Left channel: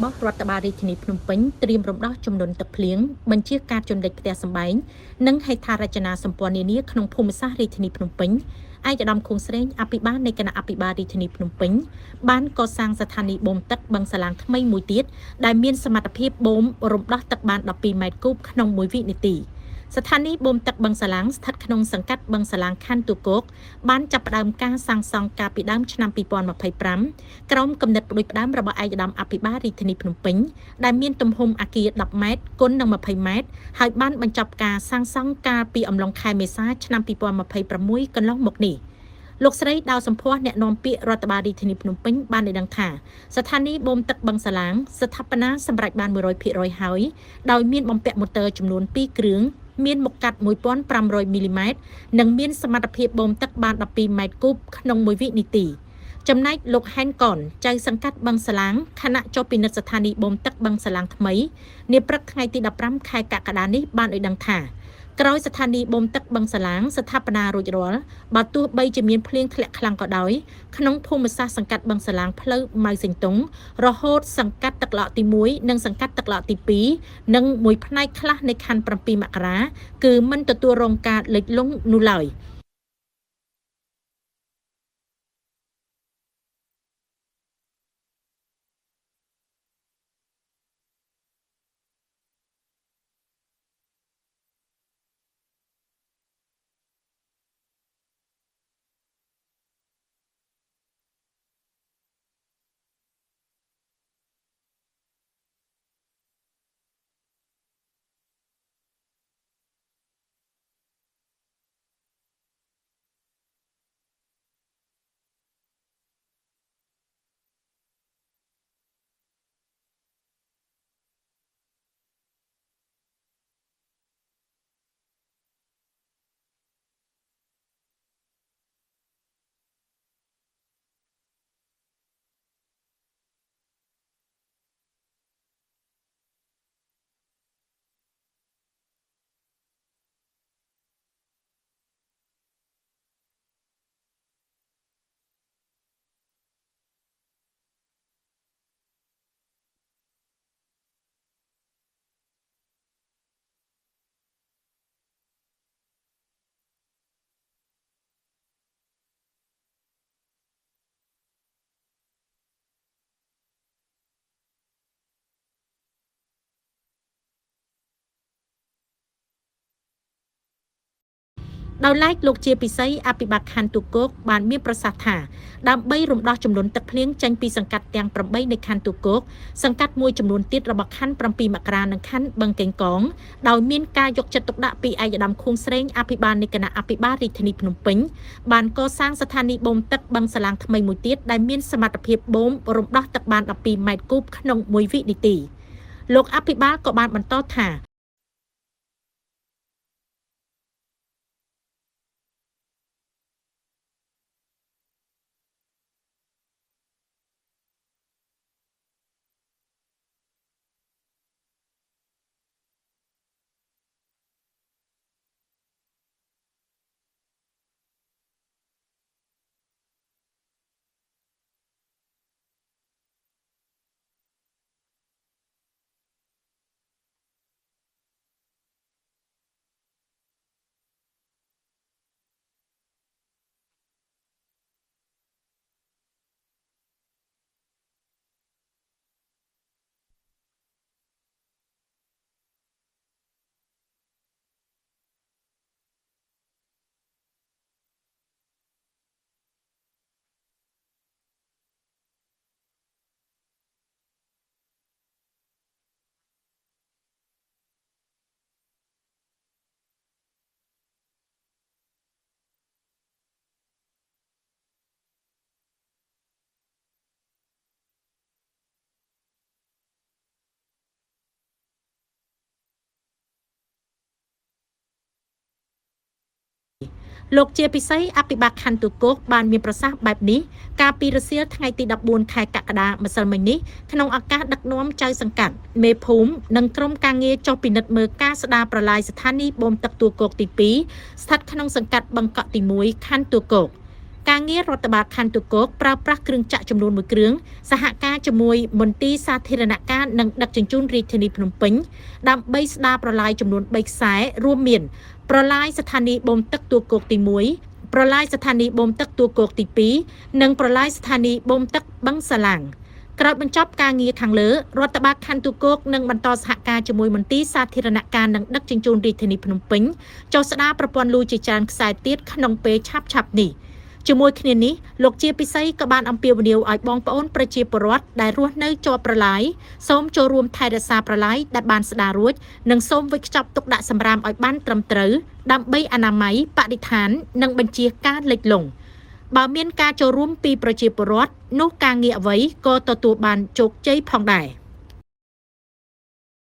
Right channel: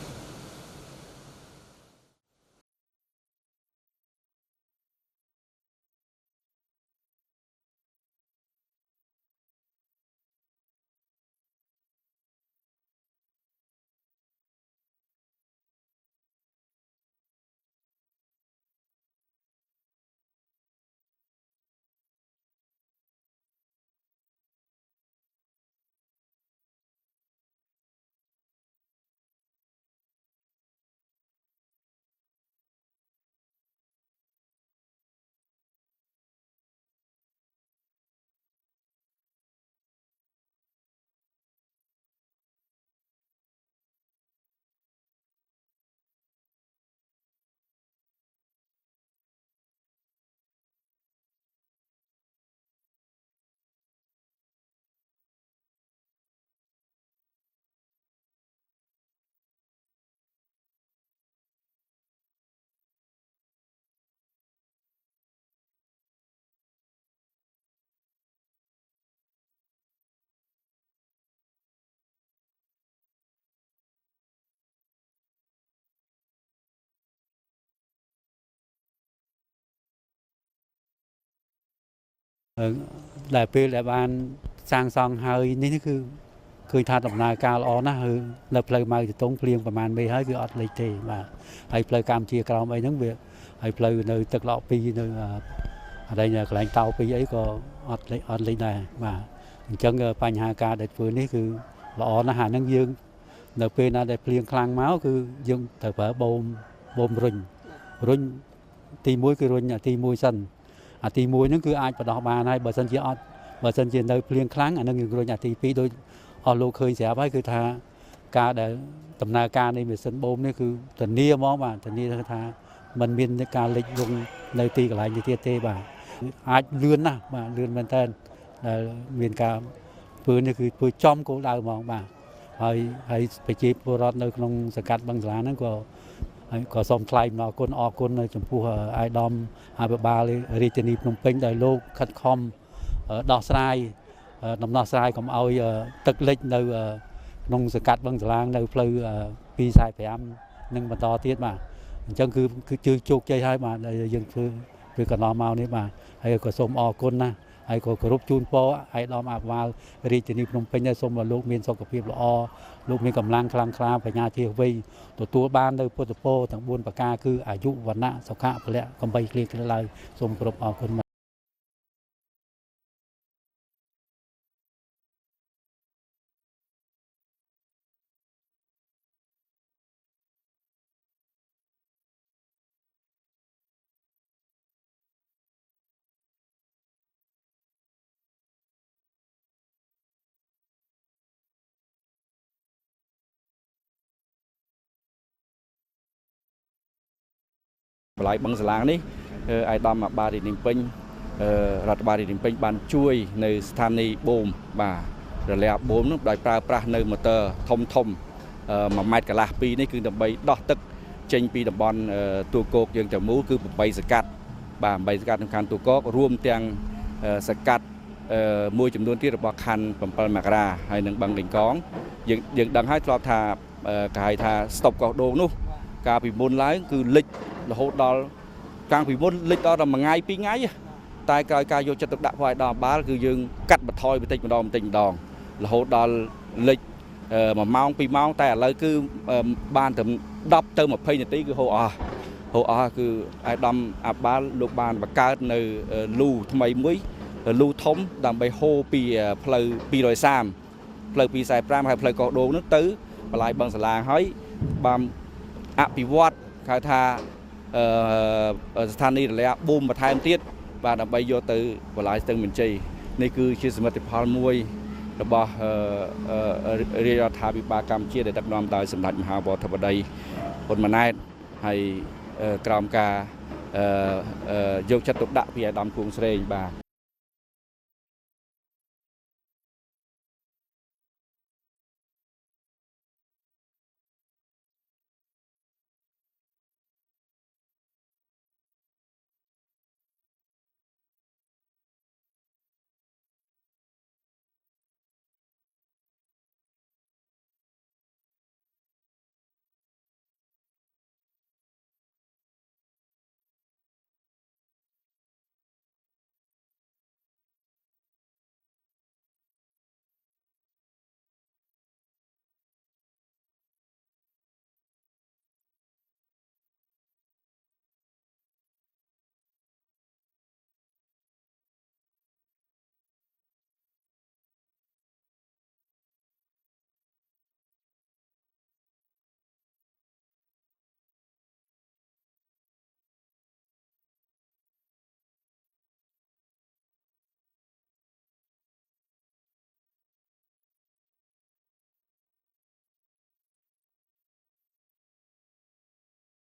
របស់រដ្ឋបាលរាជធានីភ្នំពេញត្រៀមរំដោះចំនួនទឹកភ្លៀងបញ្ជាការជន់លិចផ្ទះសម្បែងនិងហេដ្ឋារចនាសម្ព័ន្ធនានាក្នុងភូមិសាស្ត្ររាជធានីភ្នំពេញឯកឧត្តមខួងស្រេងអភិបាលនៃគណៈអភិបាលរាជធានីភ្នំពេញបានកសាងស្ថានីយ៍បូមទឹកបឹងសាឡាងថ្មីមួយទៀតដែលមានសមត្ថភាពបូមរំដោះទឹកបាន12ម៉ែត្រគូបក្នុង1វិនាទីស្ថានីយ៍បូមទឹកបឹងសាឡាងស្ថិតក្នុងសង្កាត់បឹងសាឡាងខណ្ឌទូគោកបានចាប់ផ្ដើមការសាងសង់កាលពីដើមឆ្នាំ2025ក្រោមគំនិតផ្ដួចផ្ដើមរបស់ឯកឧត្តមអភិបាលរាជធានីភ្នំពេញដែលមានទំហំអគារ10ម៉ែត្រគុណនឹង20ម៉ែត្រហើយបានបញ្ចប់ការសាងសង់កាលពីអំឡុងខែមេសាឆ្នាំ2026កន្លងមកនេះលោកស្រីដៅសម្ផស្សអ្នកនាំពាក្យរដ្ឋបាលរាជធានីភ្នំពេញបានឲ្យដឹងថាស្ថានីយ៍បូមទឹកបឹងសាឡាងស្ថាបនាសម្រាប់បាន 100% ហើយដោយមានបំពាក់ម៉ូទ័រចំនួន2គ្រឿងមានមុខកាត់1500មីលីម៉ែត្រនិងមានសមត្ថភាពបូមទឹកបាន12ម៉ែត្រគូបក្នុង1វិនាទីចំណែកលោកហែនកនចៅសង្កាត់បឹងសាឡាងខណៈចុះពិនិត្យស្ថានីយ៍បូមទឹកបឹងសាឡាងថ្មីនាព្រឹកថ្ងៃទី15ខែកក្កដានេះបានឲ្យដឹងថាក្រោយស្ថានីយ៍បូមទឹកបឹងសាឡាងស្ថាបនារួចរាល់បើទោះបីជាមានភ្លៀងធ្លាក់ខ្លាំងក៏ដោយក្នុងភូមិសាស្ត្រសង្កាត់បឹងសាឡាងផ្លូវម៉ៅសេងតុងរហូតសង្កាត់ទឹកឡកទី1និងសង្កាត់ទឹកឡកទី2និងមួយផ្នែកខ្លះនៃខណ្ឌ7មករាគឺមិនទទួលរងការលិចលង់នោះឡើយដែលពេលដែលបានសាងសង់ហើយនេះគឺឃើញថាដំណើរការល្អណាស់គឺនៅផ្លូវម៉ៅសេងតុងភ្លៀងប្រហែលមេហើយគឺអត់លិចទេបាទហើយផ្លូវកម្ពុជាក្រោមអីហ្នឹងវាហើយផ្លូវនៅទឹកឡក2នៅអីកន្លែងតោ2អីក៏អត់លេចដែរបាទអញ្ចឹងបញ្ហាការដែលធ្វើនេះគឺល្អណាស់អាហ្នឹងយើងនៅពេលណាដែលភ្លៀងខ្លាំងមកគឺយើងត្រូវប្រើបូមរុញទី1គឺរុញទី1សិនអាទី1ហ្នឹងគឺអាចបដោះបានហើយបើសិនជានៅភ្លៀងខ្លាំងអាហ្នឹងយើងរុញអាទី2ដោយអស់លោកឃើញស្រាប់ហើយគឺថាការដែលដំណើរការនៃម៉ាស៊ីនបូមនេះគឺធានាហ្មងបាទធានាថាมันមានការលិចលង់នៅទីកន្លែងនេះទៀតទេបាទអាចលឿនណាស់បាទលឿនមែនតើដែលមានការធ្វើនេះគឺធ្វើចំគោលដៅហ្មងបាទហើយប្រជាពលរដ្ឋនៅក្នុងសង្កាត់បឹងសាឡាហ្នឹងក៏សូមថ្លែងអំណរគុណចំពោះអាយដាមអភិបាលរាជធានីភ្នំពេញដែលលោកខិតខំដោះស្រាយដំណោះស្រាយកុំឲ្យទឹកលិចនៅក្នុងសង្កាត់បឹងសាឡាងនៅផ្លូវ245នឹងបន្តទៀតបាទអញ្ចឹងគឺជោគជ័យហើយបាទដែលយើងធ្វើកន្លងមកនេះបាទហើយក៏សូមអរគុណណាស់ហើយក៏គោរពជូនពរឯកឧត្តមអភិបាលរាជធានីភ្នំពេញសូមឲ្យលោកមានសុខភាពល្អលោកមានកម្លាំងខ្លាំងក្លាបញ្ញាជាវ័យទទួលបាននៅពុទ្ធពរទាំង4ប្រការគឺអាយុវណ្ណៈសុខៈពលៈកំបីគ្លៀងគ្លាឡើយសូមគោរពអរគុណដោយឡែកលោកជាពិសីអភិបាលខណ្ឌទូគោកបានមានប្រសាសន៍ថាដើម្បីរំដោះចំនួនទឹកភ្លៀងចេញពីសង្កាត់ទាំង8នៃខណ្ឌទូគោកសង្កាត់មួយចំនួនទៀតរបស់ខណ្ឌ7មករានិងខណ្ឌបឹងកេងកងដោយមានការយកចិត្តទុកដាក់ពីឯកឧត្តមខួងស្រេងអភិបាលនៃគណៈអភិបាលរាជធានីភ្នំពេញបានកសាងស្ថានីយ៍បូមទឹកបឹងសាឡាងថ្មីមួយទៀតដែលមានសមត្ថភាពបូមរំដោះទឹកបាន12ម៉ែត្រគូបក្នុង1វិនាទីលោកអភិបាលក៏បានបន្តថាបន្លាយបឹងសាឡាងនេះឯកឧត្តមអភិបាលរាជធានីភ្នំពេញរដ្ឋបាលរាជធានីភ្នំពេញបានជួយនៅស្ថានីយ៍បូមបាទរលាបូមនោះដោយប្រើប្រាស់នៅម៉ូទ័រធំ1ម៉ែត្រកន្លះ2នេះគឺដើម្បីដោះទឹកចេញពីតំបន់ទូគោកយើងទាំងមូលគឺ8សកាត់បាទ8សកាត់ក្នុងខណ្ឌទូគោករួមទាំងសកាត់មួយចំនួនទៀតរបស់ខណ្ឌ7មករាហើយនិងបឹងកេងកងយើងដឹងហើយធ្លាប់ថាគេហៅថាស្តុបកោះដូងនោះកាលពីមុនឡើងគឺលិចរហូតដល់កាលពីមុនលិចដល់1ថ្ងៃ2ថ្ងៃតែក្រោយការយកចិត្តទុកដាក់របស់ឯកឧត្តមបាលគឺយើងកាត់បន្ថយបន្តិចម្ដងរហូតដល់លិច1ម៉ោង2ម៉ោងតែឥឡូវគឺបានទៅ10ទៅ20នាទីគឺហូរអស់គឺឯកឧត្តមអភិបាលលោកបានបង្កើតនៅលូថ្មីមួយលូធំដើម្បីហូរពីផ្លូវ230ផ្លូវ245ហើយផ្លូវកោះដូងនោះទៅបន្លាយបឹងសាឡាងហើយបានអភិវឌ្ឍគេថាស្ថានីយ៍រលាបូមបន្ថែមទៀតបាទដើម្បីយកទៅបន្លាយស្ទឹងមានជ័យនេះគឺជាសមិទ្ធផលមួយរបស់រាជរដ្ឋាភិបាលកម្ពុជាដែលដឹកនាំដោយសម្ដេចមហាវរធិបតីហ៊ុនម៉ាណែតហើយក្រោមការយកចិត្តទុកដាក់ពីអាដាមគួងស្រេងបាទលោកជាពិសីអភិបាលខណ្ឌទូគោកបានមានប្រសាសន៍បែបនេះកាលពីរសៀលថ្ងៃទី14ខែកក្កដាម្សិលមិញនេះក្នុងឱកាសដឹកនាំចៅសង្កាត់មេភូមិនិងក្រុមការងារចុះពិនិត្យមើលការស្ដារប្រឡាយស្ថានីយ៍បូមទឹកទូគោកទី2ស្ថិតក្នុងសង្កាត់បឹងកក់ទី1ខណ្ឌទូគោក ការងាររដ្ឋបាលខណ្ឌទូកោកប្រើប្រាស់គ្រឿងចាក់ចំនួន1គ្រឿងសហការជាមួយមន្ទីរសាធារណការនិងដឹកជញ្ជូនរាជធានីភ្នំពេញដើម្បីស្ដារប្រឡាយចំនួន3ខ្សែរួមមានប្រឡាយស្ថានីយ៍បូមទឹកទូកោកទី1ប្រឡាយស្ថានីយ៍បូមទឹកទូកោកទី2និងប្រឡាយស្ថានីយ៍បូមទឹកបឹងសាឡាំងក្រោយបញ្ចប់ការងារខាងលើរដ្ឋបាលខណ្ឌទូកោកនឹងបន្តសហការជាមួយមន្ទីរសាធារណការនិងដឹកជញ្ជូនរាជធានីភ្នំពេញចុះស្ដារប្រព័ន្ធលូជាច្រើនខ្សែទៀតក្នុងពេលឆាប់ៗនេះជាមួយគ្នានេះលោកជាពិសីក៏បានអំពាវនាវឲ្យបងប្អូនប្រជាពលរដ្ឋដែលរស់នៅជាប់ប្រឡាយសូមចូលរួមថែរក្សាប្រឡាយដែលបានស្ដាររួចនិងសូមវេចខ្ចប់ទុកដាក់សម្រាមឲ្យបានត្រឹមត្រូវដើម្បីអនាម័យបរិស្ថាននិងបញ្ជៀសការលិចលង់បើមានការចូលរួមពីប្រជាពលរដ្ឋនោះការងារអ្វីក៏ទទួលបានជោគជ័យផងដែរ